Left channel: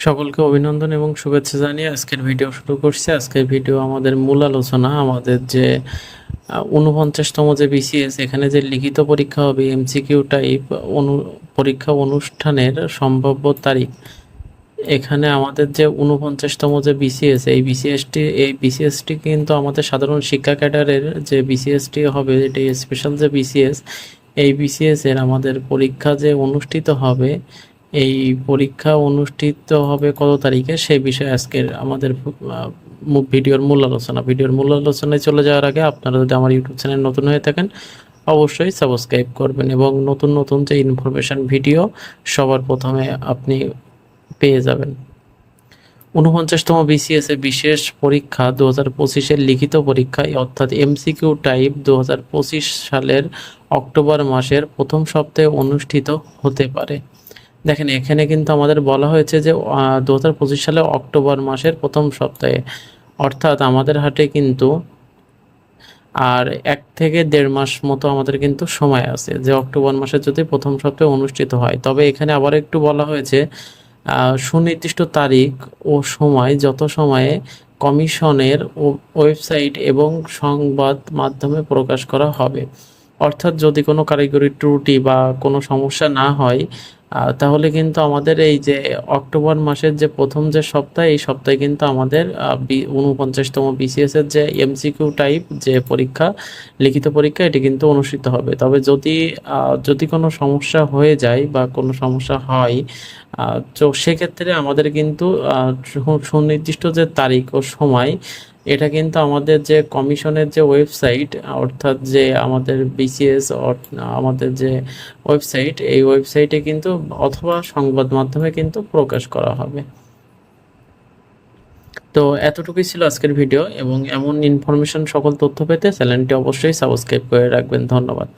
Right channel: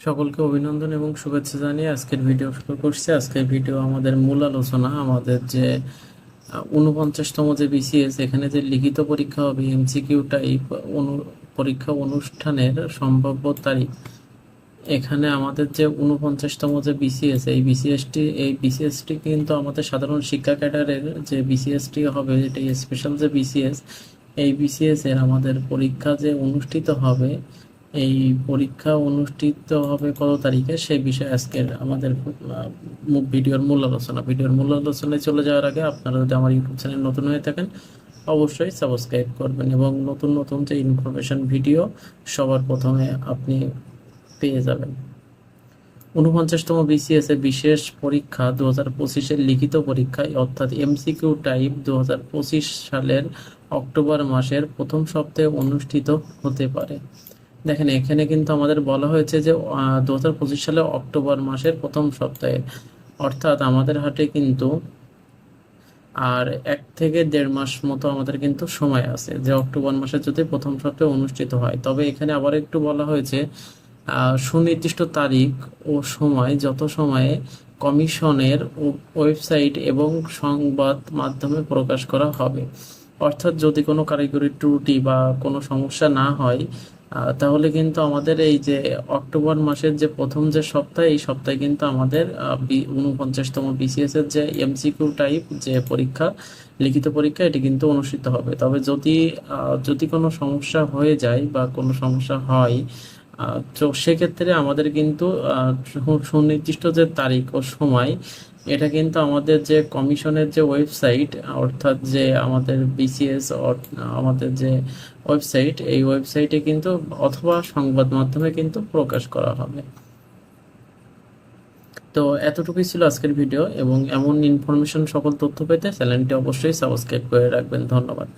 সকলকে অভিনন্দন এবং শুভেচ্ছা জানিয়ে আজকের ভিডিও শুরু করছি। আজকের ভিডিও আমাদের মূল আলোচনা, আমাদের যে উনপঞ্চাশতম যে বিসিএস এখানে যে লিখিত পরীক্ষা হবে এমসিকিউ টাইপ অনু, পরীক্ষা অনুষ্ঠানের সম্ভাব্য তারিখ। এখানে আমাদের যে উনপঞ্চাশতম যে বিসিএস এই বিসিএসটি এই বিসিএসটি কিন্তু আমাদের সাধারণ শিক্ষা ক্যাডারের যে বিসিএসটি হবে এটি স্পেশাল যে বিসিএস এই বিসিএস এর আমাদের পরীক্ষা যে অনুষ্ঠিত হবে এই পরীক্ষা অনুষ্ঠিত হবে কত তারিখে? সেই বিষয়ে আজকের আমাদের ভিডিওর মূল আলোচনা। ভিডিওর মূল আলোচনায় চলে যাওয়ার আগে আপনারা যদি আমার ইউটিউব চ্যানেল নতুন হয়ে থাকেন, অবশ্যই সাবস্ক্রাইব করবেন এবং নতুন নতুন যে ইনফরমেশন ভিডিও, সবার প্রথমে আপনি পেয়ে যাবেন। ঊনপঞ্চাশতম বিসিএস বিশেষ পরীক্ষা দু হাজার পঁচিশের লিখিত পরীক্ষা অর্থাৎ এমসিকিউ টাইপ দু হাজার পঁচিশ সালের অক্টোবর মাসের প্রথম সপ্তাহে অনুষ্ঠিত হতে পারে। দেখেন, এখানে কিন্তু আমাদের বলা হয়েছে যে দু হাজার পঁচিশ সালে অক্টোবর মাসের প্রথম সপ্তাহে, অর্থাৎ আমাদের হাটে কিন্তু আর এক থেকে দেড় মাস মতো আমাদের কিন্তু সময় আছে যে, অক্টোবর মাসে যদি প্রথম সপ্তাহে অনুষ্ঠিত হয়। তবে এখানে আবার একটু বলা হয়েছে সুনির্দিষ্ট তারিখ ও সময়, যত সময়ে কমিশনের ওয়েবসাইট এবং সংবাদ মাধ্যমে প্রকাশ করা হবে। অর্থাৎ যদি কোনো কারিগরি ত্রুটি বা কোনো সমস্যা না হয় তাহলে কিন্তু আমাদের এই যে অক্টোবর মাসের যে প্রথম যে সপ্তাহ, এই সপ্তাহে কিন্তু আমাদের উনপঞ্চাশতম বিসিএস এর যে এমসিকিউ টাইপ যে পরীক্ষা, লিখিত পরীক্ষা, এটি কিন্তু অনুষ্ঠিত হবে। তবে যদি যদি কোনো সমস্যা হয়ে যায় বা কোনো সমস্যা হয় তো সেক্ষেত্রে আমাদের কিন্তু সুনির্দিষ্ট যে তারিখ ও সময়, এটা কিন্তু আমাদের যে কমিশনের যে ওয়েবসাইট, অর্থাৎ যে আমাদের বিসিএস আমাদের যে ওয়েবসাইট, এই ওয়েবসাইটে কিন্তু অথবা সংবাদ মাধ্যমে কিন্তু প্রকাশ করা হবে। তো এতটুকুই ছিল আজকের ভিডিও, এবং এমন ইনফরমেশন সকল তথ্য পেতে চ্যানেলটি অবশ্যই সাবস্ক্রাইব করে রাখবেন। ধন্যবাদ।